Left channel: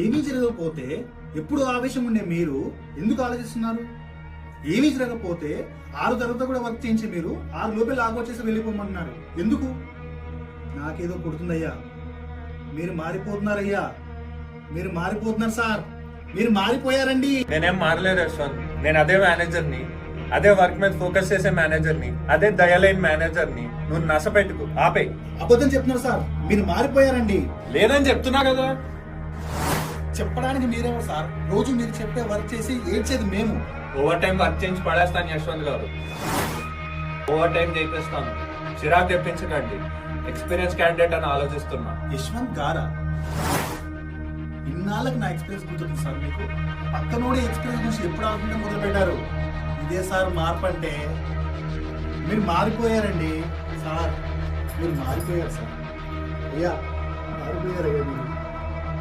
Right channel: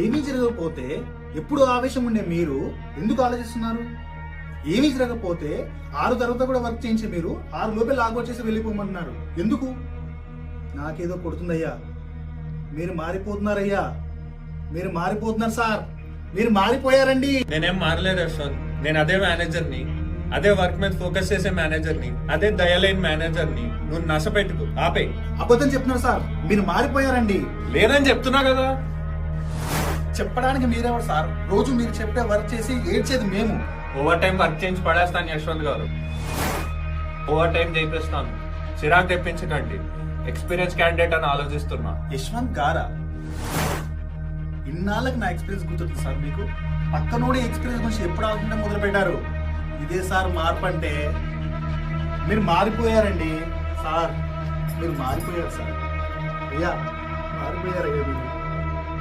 ఏమీ జరగకపోతే ఎప్పుడు ఆవేశం ఉండే మీరు ఎందుకు ఆలోచిస్తున్నారు? ఏమీ జరగకపోతే 6 తర్వాత కూడా వర్క్ చేయించి మీరు 6 లోపే లాగ్ వచ్చేసి వెళ్ళిపోమంటున్నారు ఎందుకు? నాకేదో కొడుతుందయ్యా. మీరు మారిపోతున్నారయ్యా, మీరు మారిపోతున్నారు సార్, మీరు మారిపోయారండి. నేనేం మారలేదు యశ్వంత్. నేను అదే మేనేజర్ని, అదే వర్క్ మీద ఫోకస్ చేసే మేనేజర్ని, అదే దయలైన మేనేజర్ని. నువ్వు నష్టపెట్టుకు ఆపే. అబద్ధం చెప్తున్నారు సార్, మీరు మారిపోయారండి. లేదని చెప్తున్నా కదా. చెప్పడానికి మీరెవరు సార్? రోజు మీరు చెప్పే వర్క్ చేసి ఏడ్చేది మేము. ఓవర్ టైం వర్క్ చేయించి పడేస్తాను యశ్వంత్ గారు. ఓవర్ టైం చేపిస్తాను. చిరాకు తెప్పించకండి. ఎక్స్పీరియన్స్ క్యాండిడేట్ అని ఆలోచిస్తున్నా. యశ్వంత్ గారా? ఇన్నాళ్ళకి నా ఎక్స్పీరియన్స్ గుర్తుంది సార్ మీకు. పక్కనోడి ఎక్స్పీరియన్స్ గురించి ఎప్పుడు ఆలోచించడం మొదలు పెట్టారు? ఇదే సార్ మార్పు అంటే. మీరు మారిపోయారండి సార్, మీరు మారిపోయారు సార్. అయ్యా మారిపోయారయ్యా మీరు.